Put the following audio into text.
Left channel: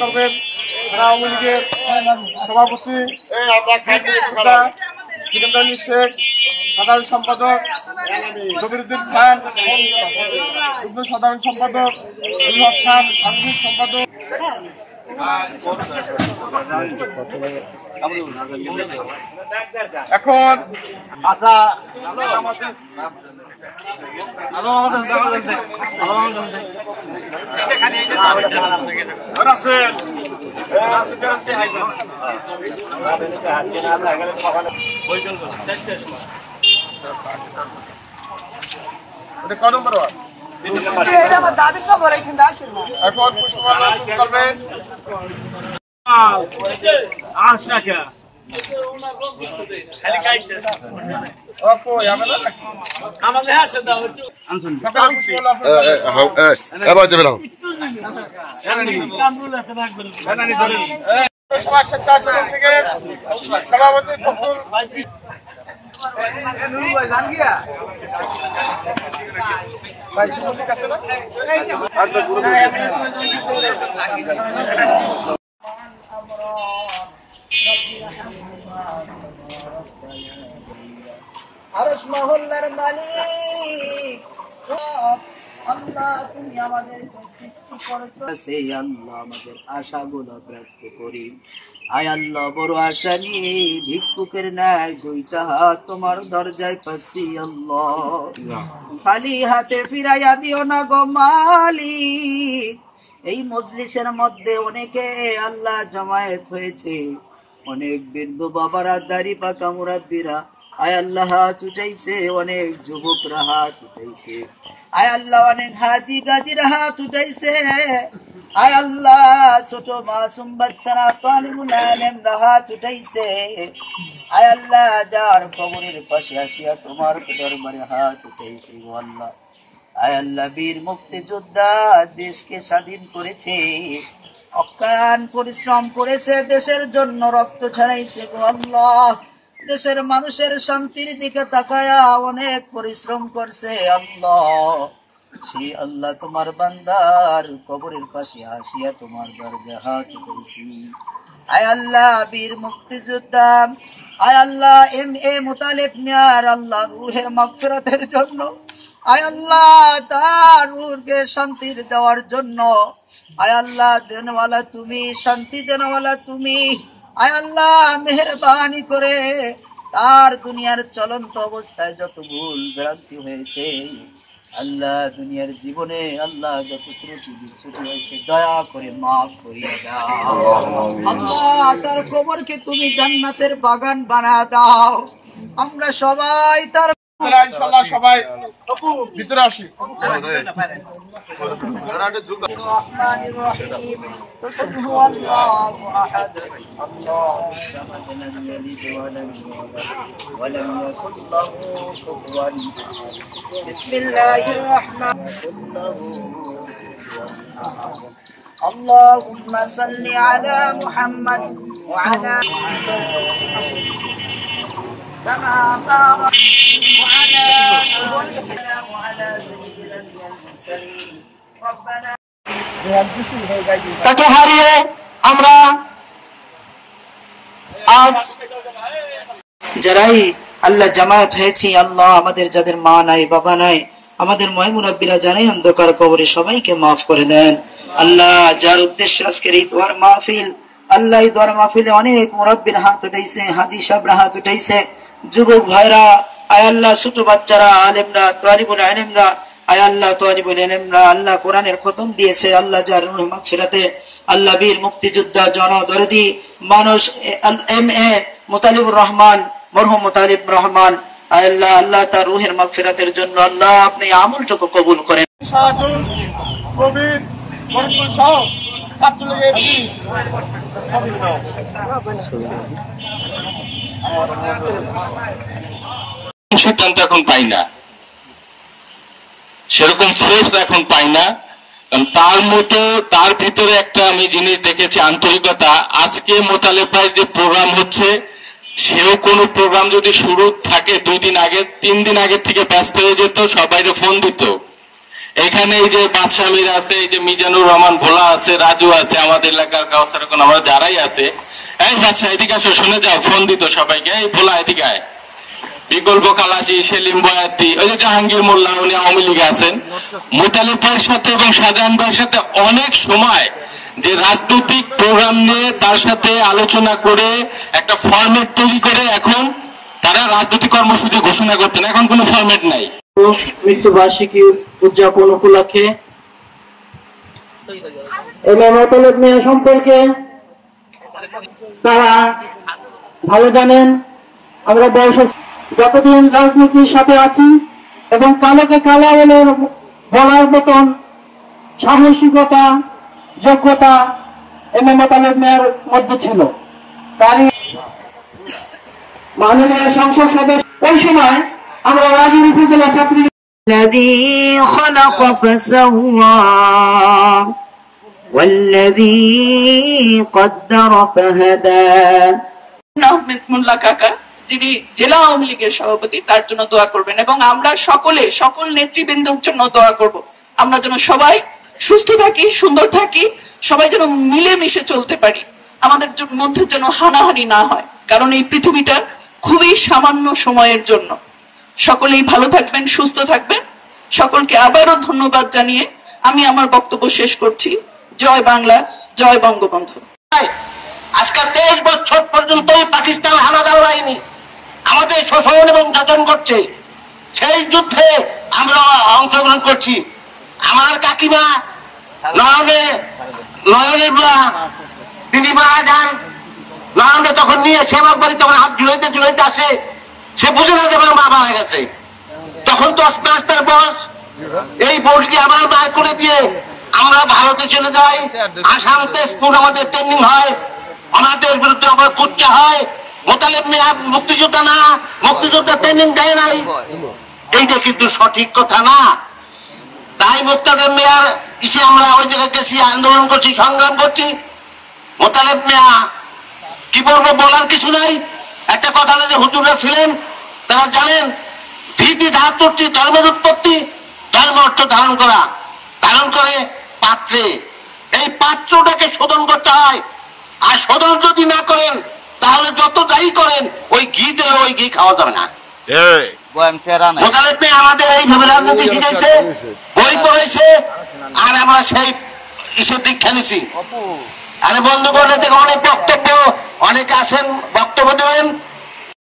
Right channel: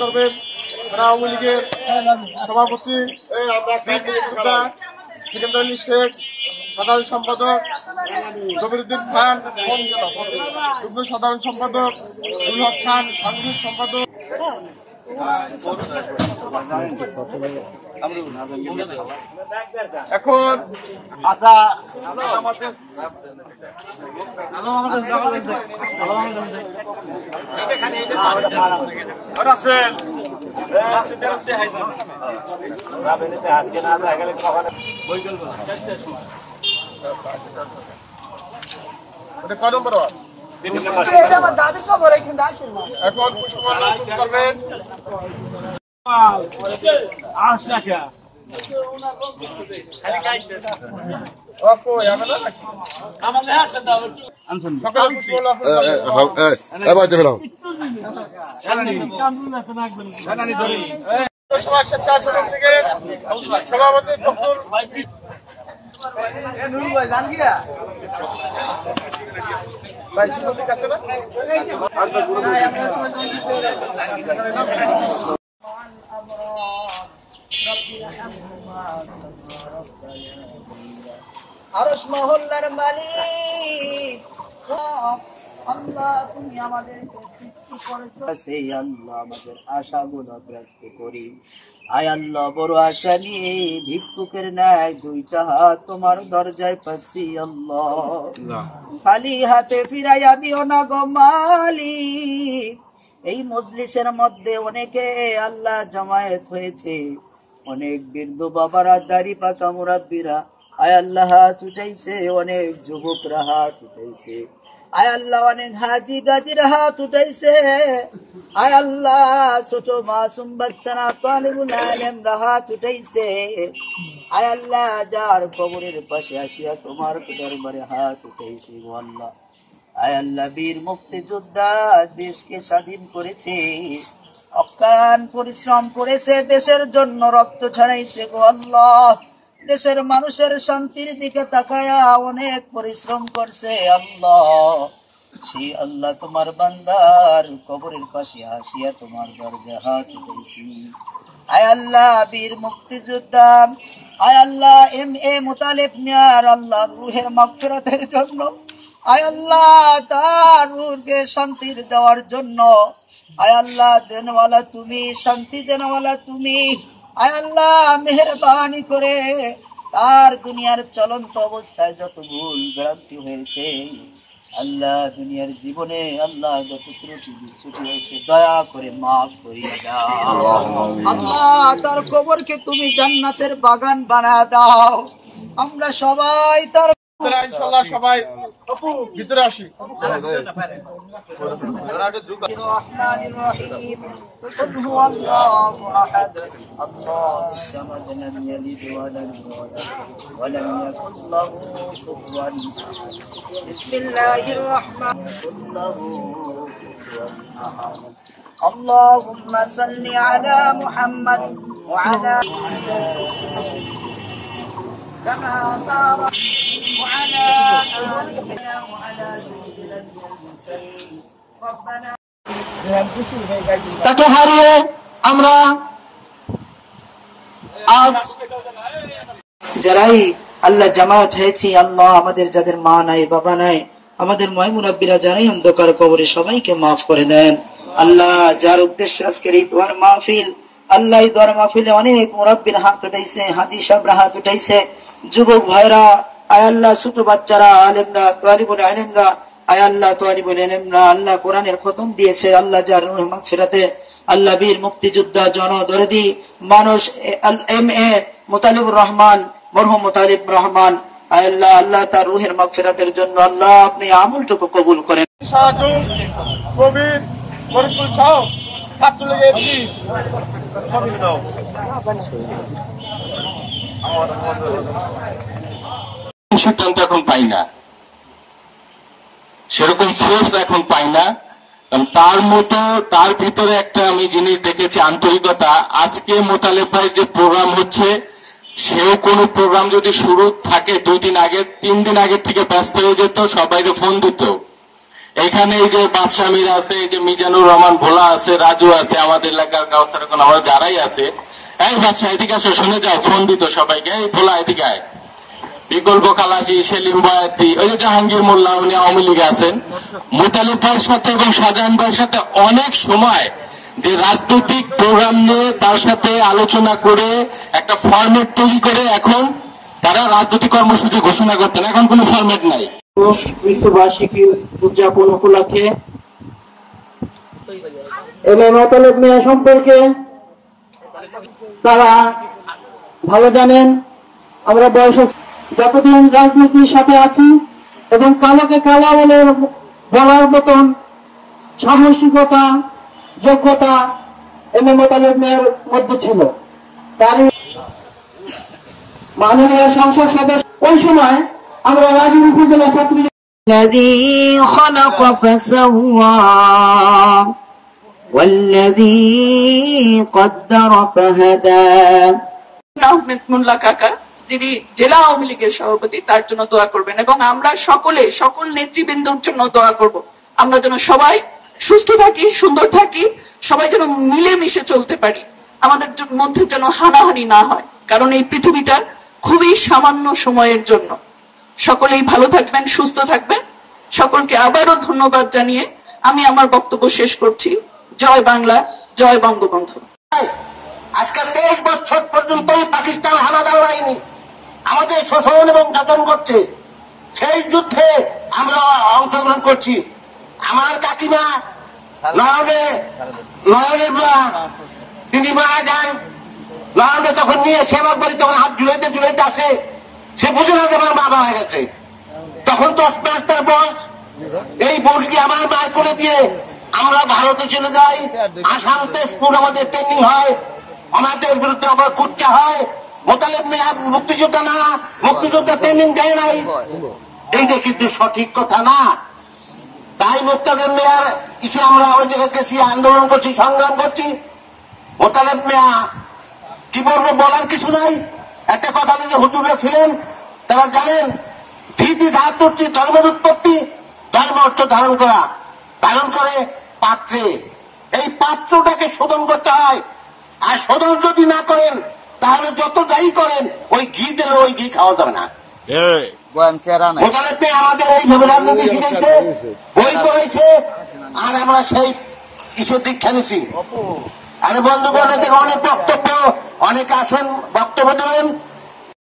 করবেন আওয়ামী লীগের সভাপতি সিকান্দার শেখ, সাধারণ সম্পাদক জবিরুদ্দিন খান, যুগ্ম সাধারণ সম্পাদক উল্লাহ খান, সাংবাদিক সম্পাদক। এখন ক নম্বর ওয়ার্ড? এখন পুষ্পমাল্য করবেন সভাপতি ফখরুল আছে না? আরশ মহল্লার মালিক আল্লাহ, তুমি আমাদেরকে সৃষ্টি করেছো, সেই আল্লাহ আমাদের আশাগুলো ব্যক্ত করি। আয় আল্লাহ, বড় আশা নিয়ে ভিক্ষুকের ন্যায় দুইটা হাত তোমার দরজায় পাচ্ছি আল্লাহ, খালি হাতে ফিরাইয়া দিও না গো মালিক। এই মজলিসের মধ্যে অনেকে আল্লাহ জমায়েত হয়েছে, অনেক বৃদ্ধ বাবারা, দাড়ি পাকা মুরাব্বিরা আয় আল্লাহ হাত উঠাইছে, অনেক যুবকরা হাত উঠাইছে আয় আল্লাহ, অনেক হাজি গাজিরা হাত উঠাইছে আয় আল্লাহ, ছোট মাসুম বাচ্চারা তালিবুল ইলমরা হাত উঠাইছে আয় আল্লাহ, যার কবরের পাশে আসিয়া তোমার দরবারে হাত উঠাইছে গো আল্লাহ। আয় আল্লাহ, বীর মুক্তিযোদ্ধা দেশকে স্বাধীন করেছে, অক্লান্ত পরিশ্রম করেছে, দেশের জন্য রক্ত ঝরাইছে গো আল্লাহ, দেশের মানুষের শান্তির দিকে তাকায়া অনেক পরিশ্রম করছে আল্লাহ। সেই আল্লাহ, তোমার বান্দার কবরের পাশে আসিয়া তোমার দরজায় হাত উঠাইছি আয় আল্লাহ, বীর মুক্তিযোদ্ধা আয় আল্লাহ এম.এ. মুতালিব মিয়ার আল্লাহ রুহের মাগফিরাতের জন্য আয় আল্লাহ, তার রুহকে শান্তি দেওয়ার জন্য আয় আল্লাহ, দেনওয়ালা তুমি, শান্তি দেনওয়ালা তুমি আয় আল্লাহ, মেহেরবানি করে তার দুনিয়ার চলন্ত অবস্থায় যত ভুল ভ্রান্তি হয়েছে আল্লাহ, দুনিয়ার জীবনে আল্লাহ যত ত্রুটি বিচ্যুতি হয়েছে দয়া করে মাফ করিয়া দাও আল্লাহ, তার কবরকে তুমি জান্নাতের বাগান বানায় দাও। আমরা সবাই তার ইনশাআল্লাহ সবাই ভিতরে আসি। اللهم صل على محمد وعلى كما باركت وعلى آلنا وعلى سيدنا المرسلين ربنا তাকে হারিয়ে আমরা আজ যারাই আল্লাহ জামায়াত হয়েছি আল্লাহ, আমাদের যাদের মা নাই বাবা নাই, আমাদের মুরব্বিরা জানাই অন্ধকার কবরে সবাইকে মাফ করে দেন আল্লাহ। যার উদ্দেশ্যে আজকের এই দোয়ার মাহফিল, আল্লাহ এই দোয়ার মাহফিলে অনেক মুরব্বির হাত উঠাইছে, হাজি সাহেবরা হাত উঠাইছে, যুবক ভাইরা আয় আল্লাহ, ছোট বাচ্চারা, আলেমরা, তালিবুল ইলমরা আয় আল্লাহ, তালিবুল ইলমরা আল্লাহ কোরআনের খতম দিয়েছে আল্লাহ, যার রূহ মাগফিরাতে আল্লাহ, বীর মুক্তিযোদ্ধা জনদরদি মানুষ এম.এ. মুতালিবুর রহমান, মরহুম মুতালিব রহমান আয় আল্লাহ, আল্লাহ তার রূহের মাগফিরাতের জন্য আল্লাহ আপনি আমলটুকু কবুল করেন। সিদ্ধান্ত এখন পাই না, সেরকম ফোর্স এখন পাই না, কারণ তার মতো তার ভিতরে একটা আমি জিনিস দেখেছি, আন্তরিকতা। আজকে মোতালেব ভাই যে প্রোগ্রাম হচ্ছে, সেও কোনো প্রোগ্রাম যদি শুরু থাকে 2 দিন আগে 3 দিন আগে থেকে ব্যস্ত হয়ে যেত, সবাইকে ফোন দিত। এখানে এই যে বাদশাহ মীর আছে, এই যে মিজানুর রহমান ভোলা আছে, রাজু আছে, আমাদের এলাকার কাউসার এখন আমরা যারাই আছে, এই বাদশাহ এদিকে আসো, শুনে যাও, ফোন দিত সবাইকে, এই ভোলা এদিকে আয়। বিকল্প খালাসি, সেলিম বয়াতি, ওই যে জাহাঙ্গীর মোল্লা, উনি আওয়ামী লীগে আছেন। মোতালেব ভাইয়ের সাথে এবং শাহজাহান ভাইয়ের সাথে অনেক সময় যে রাজনৈতিক প্রোগ্রাম নিয়ে তার সাথে আলোচনা করে একটা ফরম্যাট তৈরি করে এখন তারা রাজনৈতিক কর্মসূচি ঘোষণা করতেন, এখন কোনো ফরম্যাট নাই। মৃত্যুবার্ষিকী উদযাপন উপলক্ষে মোতালেব মিয়া সম্পর্কে তারা ভালো জানেন। আমরা বয়স যতদিন রাজনীতির সাথে আছি এবং কালোকে কালো বলে বলার মতন সাহসিকতা, যোগ্যতা মোতালেব মিয়ার মধ্যে ছিল। তারই মাননীয় সংসদ সদস্য ওই সময় আমরা রাজুর উপজেলা ছাত্রী الذي خلق فسوى والذي قدر فهدى আহমেদ মোল্লা কাকা, যিনি জেলা আওয়ামী লীগের সভাপতি, তার জন্য দোয়া করবেন এবং আমরা সকল নেতৃবৃন্দর জন্য দোয়া করব। আমরা যেন সবাই সুস্থ থাকি, সুন্দর থাকি, সবাই যেন মিলেমিশে চলতে পারি, আমাদের মধ্যে যেন হানাহানি না হয়, কারণ এই পৃথিবীটা খুবই সামান্য সময়ের জন্য। সকলেই ভালো থাকবেন, সুস্থ থাকবেন। সকলকে আবারও ধন্যবাদ জানিয়ে আমি আমার বক্তব্য শেষ করছি। জয় বাংলা, জয় বঙ্গবন্ধু। আজকে 23 বছর পর্যন্ত পাকিস্তান হানাদার বাহিনী আমাদের শোষণ এবং যাতন করছে, সেই যুদ্ধে আমরা অংশগ্রহণ করছি। আমার কাকিমা নয়নের মা, তিনি মারা যান। নয়নকে তখন নিয়ে সেবার বাড়ি তখন হাত ঝুলাইতে আসে, সে বুঝে না যে আমার মা মারা গেছে। তখন 10 মাস তার বয়স। এই বোর্ডটি আমার মায়ের করে দিয়ে আমরা ভারতে চলে যাই। আসাম তেজপুর আমাদের ট্রেনিং হয়, আমাদের বিরুদ্ধে আবার কুচ্চা হয়। মোতালেব মিয়া মুক্তিযোদ্ধা না, মুক্তিযোদ্ধা ট্রেনিং দেয় নাই, এইটা কিন্তু সঠিক কথা না। তাই মোতালেব মিয়ার ইসে আমরা ওই জায়গায় গেছি, আন্দোলন করছি, সংগ্রাম করছি। মোতালেব মিয়া কি বলবো, বলার কিছু নাই। একটা কথা যে হুজুররা ছিলেন, তারা জানেন ধীতি ধাতুটি ধর্মের উৎপত্তি, ধর্ম অর্থ ধারণ করা, ধারণ করে পাত্রে। এই পাত্রটাকে শোধন করতে হয়, আর শোধন যদি না করেন তাহলে যত যাই করেন ওই ঘি দিলে ওই ঘি খাওয়া যাবে না। মোতালেব মিয়া আমাদের এইভাবে রাজনীতি শিখাইছে, বই পড়াইছে, আর আমরা সেই ইসের দীক্ষা নিছি। আরে বন্ধু বলে অনেক বক্তব্য, অনেকে আসেন বক্তব্য দেবেন,